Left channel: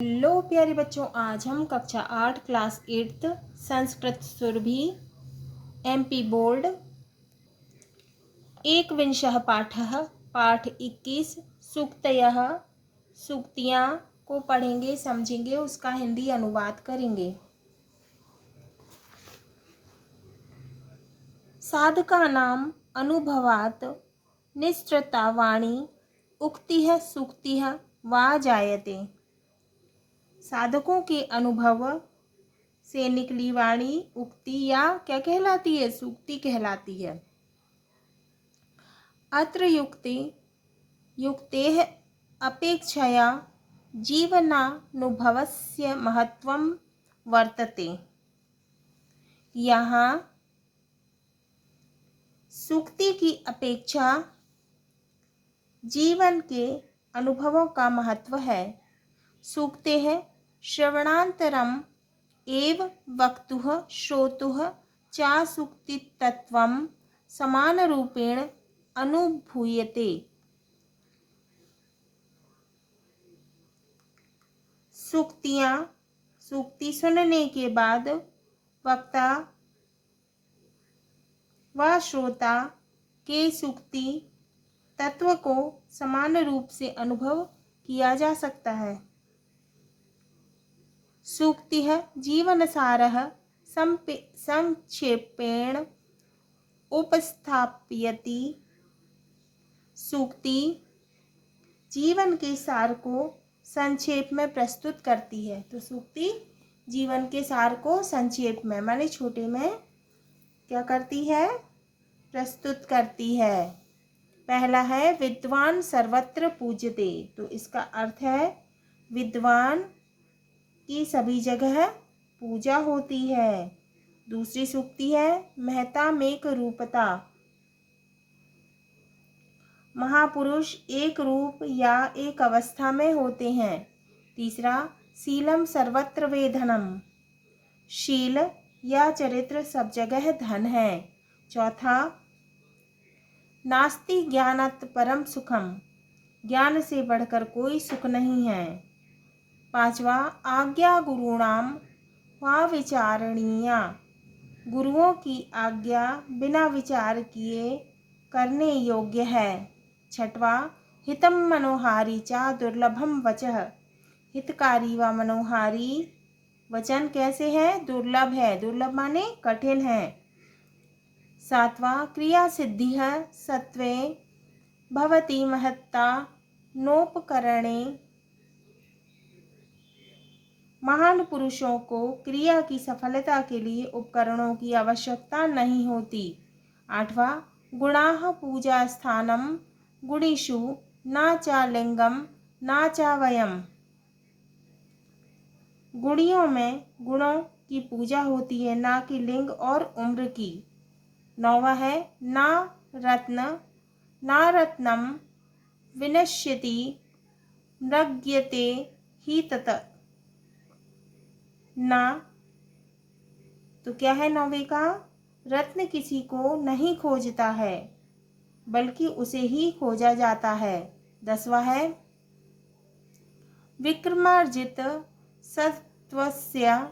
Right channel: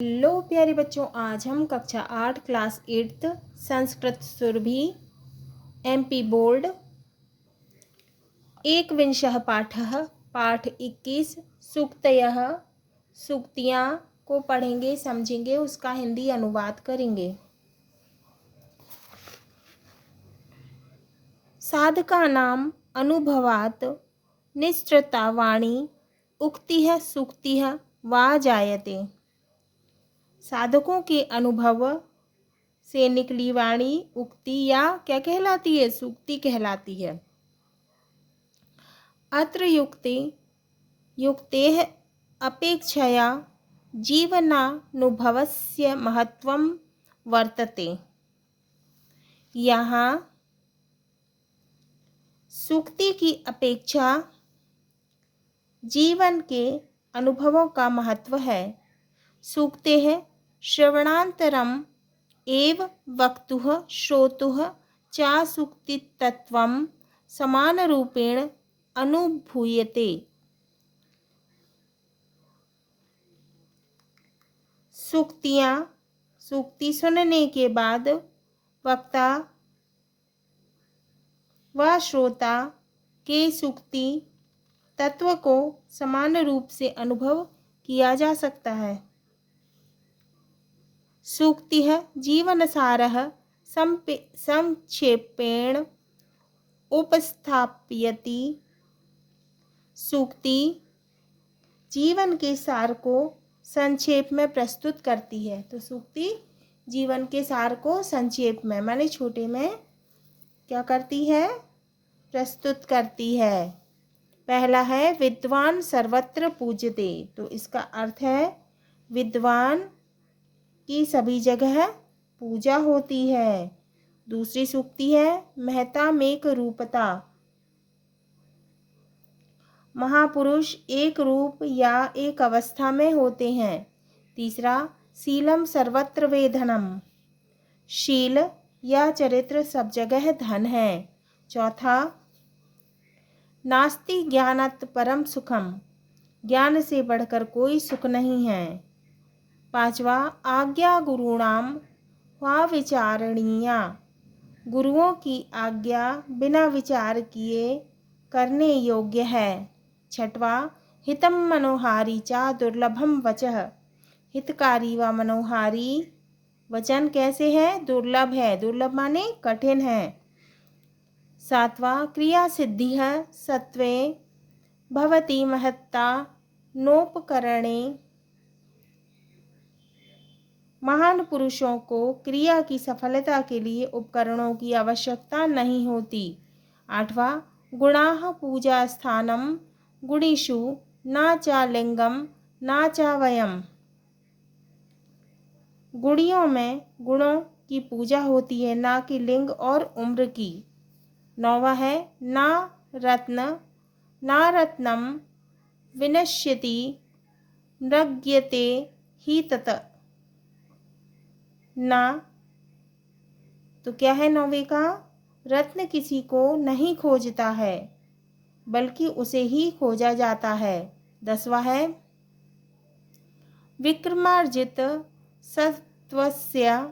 Hello प्यारे बच्चों, आज हम कक्षा 8 class 8 Sanskrit Surabhi MP board एकविंशः पाठः पाठ 21 सूक्तयः सूक्तियाँ को पढ़ेंगे, समझेंगे, उसका हिंदी अनुवाद करेंगे। साधकानां अनुभवात् निसृता वाणी उक्तिः सूक्तिः वा जायते। साधकों के अनुभव से निकली वाणी उक्ति या क्या कहलाती है? सूक्ति कहलाती है। अत्र युक्तेः अपेक्षया जीवनानुभवस्य महत्वं वर्तते। यहाँ सूक्ति की अपेक्षा जीवन के अनुभवों का महत्व है। सूक्तेः श्रवणान्तरम् एव वक्तुः श्रोतुः च सूक्तितत्त्वं समानरूपेण अनुभूयते। सूक्ति सुनने के बाद वक्ता व श्रोता के सूक्ति तत्व को समान रूप से अनुभव किया जा सकता है। सूक्तिः जीवनसारः संक्षेपेण उपस्थापयति। सूक्ति जीवन के सार को संक्षेप में प्रस्तुत करती है। तो सूक्ति जीवन के सार को संक्षेप में माने छोटे में क्या करती है? प्रस्तुत करती है। पहला है विद्वान सर्वत्र पूज्यते। तो इसका अर्थ है विद्वान की सभी जगह पूजा होती है। दूसरी सूक्ति है महता मेक रूपता। महापुरुष एक रूप या एक अवस्था में होते हैं। तीसरा शीलम सर्वत्र वेधनम। शील या चरित्र सब जगह धन है। चौथा नास्ति ज्ञानात् परम सुखम। ज्ञान से बढ़कर कोई सुख नहीं है। पांचवा आज्ञा गुरुणाम वा विचारणीया। गुरुओं की आज्ञा बिना विचार किए करने योग्य है। छठवा हितम मनोहारी चा दुर्लभम वचः। हितकारी व मनोहारी वचन कैसे है? दुर्लभ है। दुर्लभ माने कठिन है। सातवां क्रिया सिद्धि है सत्वे भवति महत्ता नोपकरणे। महान पुरुषों को क्रिया की सफलता के लिए उपकरणों की आवश्यकता नहीं होती। आठवां गुणाः पूजा स्थानम गुणीषु न च लिंगम न च वयम। गुणियों में गुणों की पूजा होती है, ना कि लिंग और उम्र की। नौवा है न रत्नम विनश्यति नृग्यते ही तत। ना तो क्या है नौवे का? रत्न किसी को नहीं खोजता है बल्कि उसे ही खोजा जाता है। दसवां है विक्रमार्जित सत्वस्य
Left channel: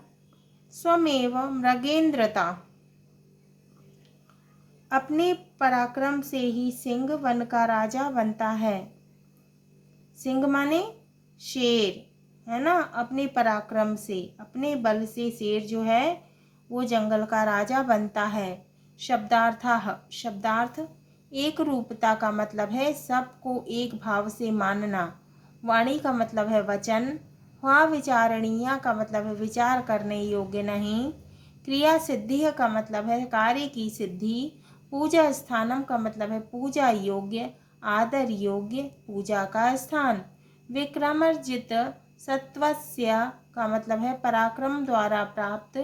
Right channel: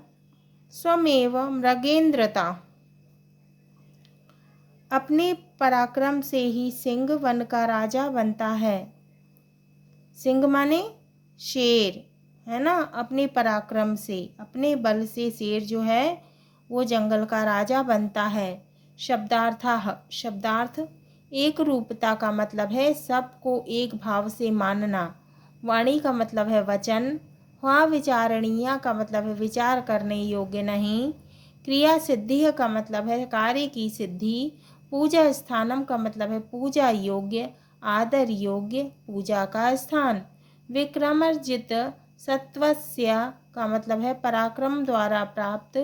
स्वमेव मृगेन्द्रता। अपने पराक्रम से ही सिंह वन का राजा बनता है। सिंह माने शेर है ना। अपने पराक्रम से, अपने बल से शेर जो है वो जंगल का राजा बनता है। शब्दार्थ एक रूपता का मतलब है सबको एक भाव से मानना। वाणी का मतलब है वचन। वा विचारणीय का मतलब है विचार करने योग्य नहीं। क्रिया सिद्धि का मतलब है कार्य की सिद्धि। पूजा स्थानम का मतलब है पूजा योग्य, आदर योग्य, पूजा का स्थान। विक्रमर्जित सत्वस्य का मतलब है पराक्रम द्वारा प्राप्त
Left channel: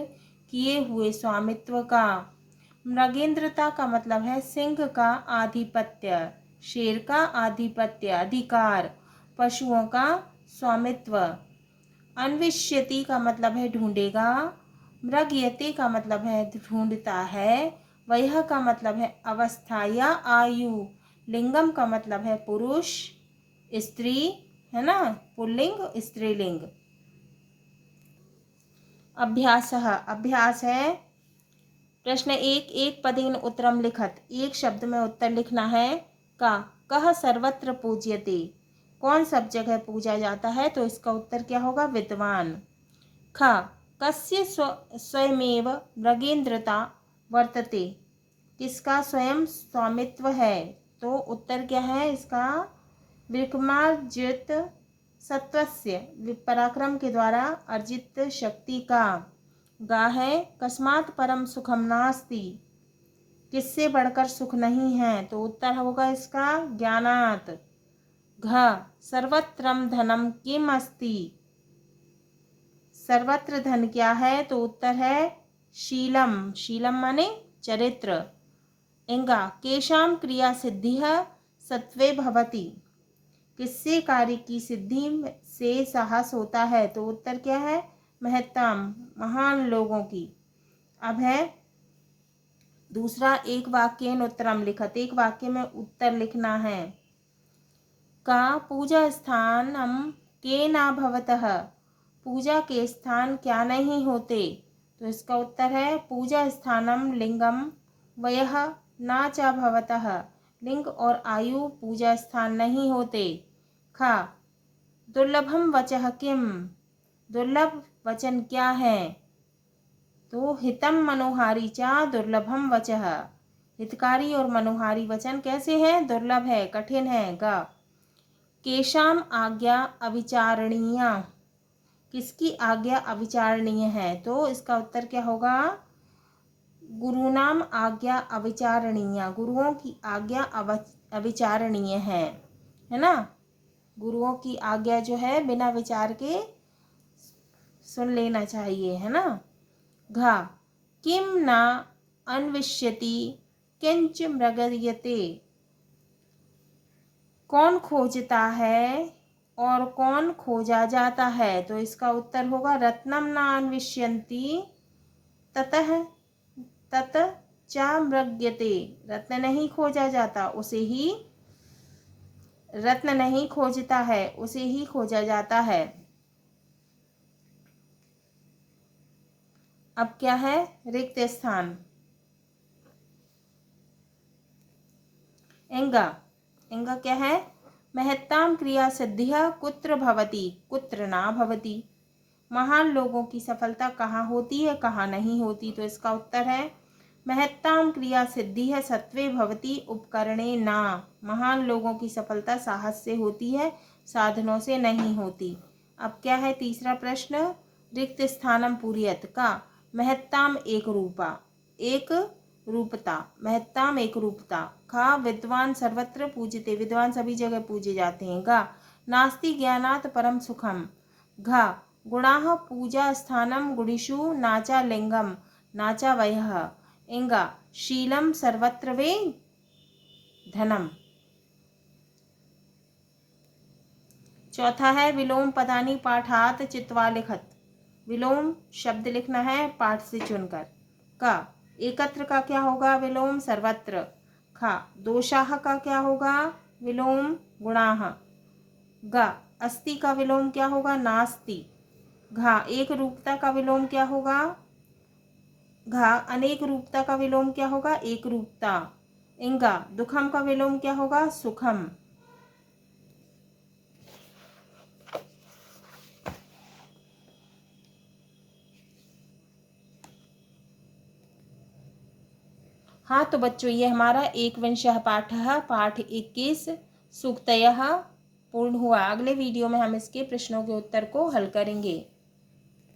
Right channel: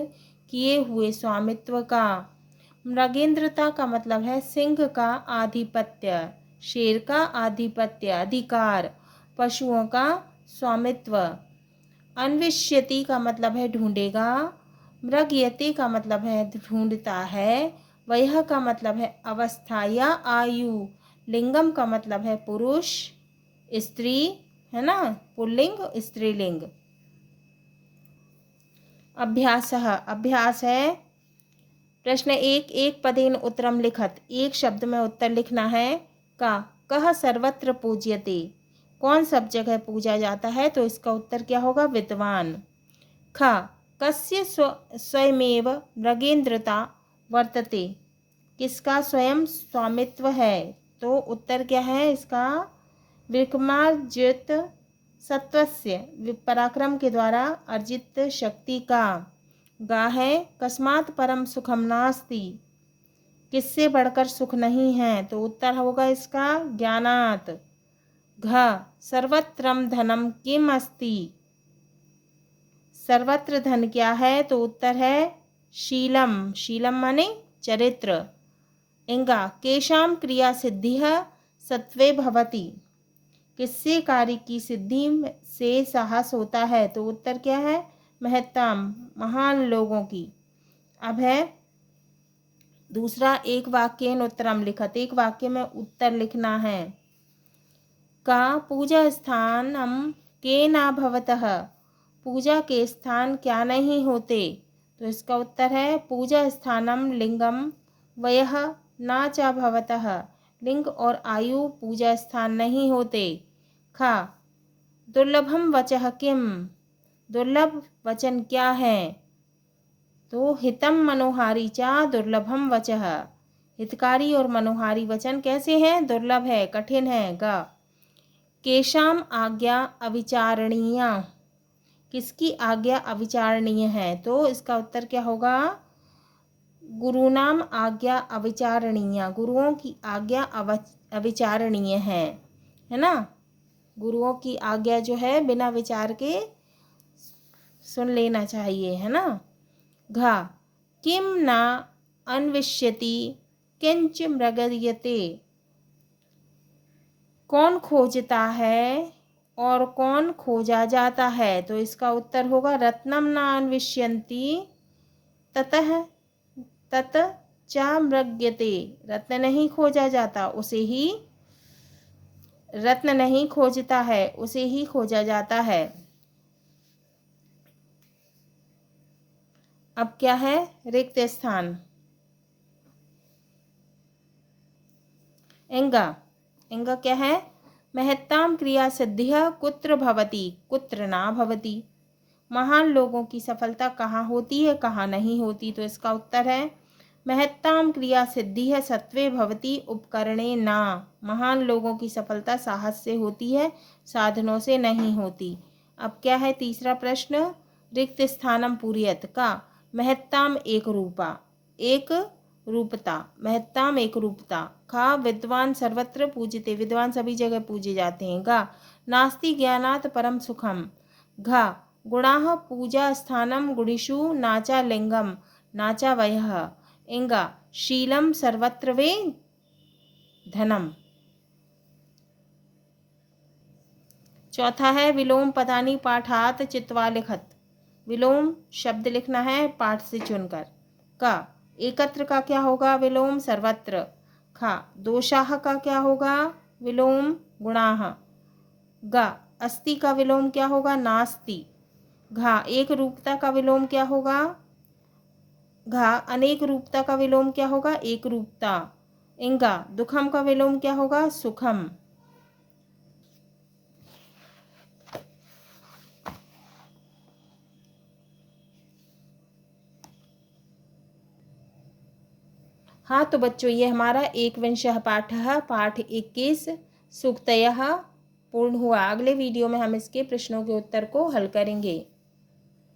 किए हुए स्वामित्व का। मृगेंद्रता का मतलब है सिंह का आधिपत्य, शेर का आधिपत्य, अधिकार, पशुओं का स्वामित्व। अन्विष्यति का मतलब है ढूंढेगा। मृगयते का मतलब है ढूंढता है। वह का मतलब है अवस्था या आयु। लिंगम का मतलब है पुरुष, स्त्री है ना, पुल्लिंग स्त्रीलिंग। अभ्यासः अभ्यास है। प्रश्न एक, एक पदेन उत्तरम लिखत, एक शब्द में उत्तर लिखना है। का कह सर्वत्र पूज्यते, कौन सब जगह पूजा जाता है, तो इसका उत्तर क्या होगा, विद्वान। ख कस्य स्वयमेव मृगेन्द्रता वर्तते, किसका स्वयं स्वामित्व है, तो उत्तर क्या है इसका, विक्रमार्जित सत्वस्य, पराक्रम के द्वारा अर्जित शक्ति का। गा है कस्मात् परम सुखम नास्ति, किससे बढ़कर सुख नहीं है, तो उत्तर होगा इसका ज्ञानात्। घ सर्वत्रम धनम किम अस्ति, सर्वत्र धन क्या है, तो उत्तर है शीलम, शीलम माने चरित्र। इंगा केशाम क्रिया सिद्धि सत्वे भवति, किससे कार्य की सिद्धि से साहस होता है, तो उत्तर क्या है, महत्तम, महान लोगों की। अब है दूसरा, एक वाक्येन उत्तरम लिखत, एक वाक्य में उत्तर लिखना है। का पूजा स्थानम के ना भवतः, पूजा के स्थान क्या नहीं होते, तो इसका उत्तर है पूजा स्थानम लिंगम वयः ना च भवतः, लिंग और आयु पूजा स्थान नहीं होते। खा दुर्लभम वचः किम, दुर्लभ वचन क्या है, तो हितम मनोहारी चा दुर्लभम वचः, हितकारी और मनोहारी वचन कैसे हैं, दुर्लभ है, कठिन है। गा केशाम आज्ञा अविचारणीया, किसकी आज्ञा अविचारणीय है, तो इसका उत्तर क्या होगा, गुरुनाम आज्ञा अविचारणीय, गुरुओं की आज्ञा अविचारणीय है ना, गुरुओं की आज्ञा जो है बिना विचार के सुन लेना चाहिए, है ना। घा किम न अन्विष्यति किंच मृगयते, कौन खोजता है और कौन खोजा जाता है, तो इसका उत्तर होगा रत्नम न अन्विष्यन्ति ततः तत च मृग्यते, रत्न नहीं खोजा जाता, उसे ही रत्न नहीं खोजता है, उसे ही खोजा जाता है। अब क्या है, रिक्त स्थान। इंगा, इंगा क्या है, महत्ताम क्रिया सिद्धिः कुत्र भवति कुत्र ना भवति, महान लोगों की सफलता कहाँ होती है कहाँ नहीं होती, तो इसका उत्तर है महत्ताम क्रिया सिद्धिः सत्वे भवति उपकरणे ना, महान लोगों की सफलता साहस से होती है, साधनों से नहीं होती। अब क्या है तीसरा प्रश्न, रिक्त स्थानम पूर्यत, का महत्ताम एक रूपा, एक रूपता, महत्ताम एक रूपता। खा विद्वान सर्वत्र पूजिते, विद्वान सभी जगह पूजे जाते हैं। गा नास्ति ज्ञानात् परम सुखम। घा गुणाः पूजा स्थानम गुणिषु नाचा लिंगम नाचा वयः। इंगा शीलम सर्वत्र वे धनम। चौथा है विलोम पदानी पाठात चित्वा लिखत, विलोम शब्द लिखना है पाठ से चुनकर। का एकत्र का क्या होगा, विलोम सर्वत्र। खा दोषाः का क्या होगा, विलोम गुणाः। गा अस्ति का विलोम क्या होगा, नास्ति। घा एक रूपता का विलोम क्या होगा, घा अनेक रूपता का विलोम क्या होगा, एक रूपता। इंगा दुखम का विलोम क्या होगा, सुखम। हाँ तो बच्चों ये हमारा एकविंशः पाठः पाठ 21 सूक्तयः पूर्ण हुआ। अगले वीडियो में हम इसके प्रश्नों के उत्तर को हल करेंगे।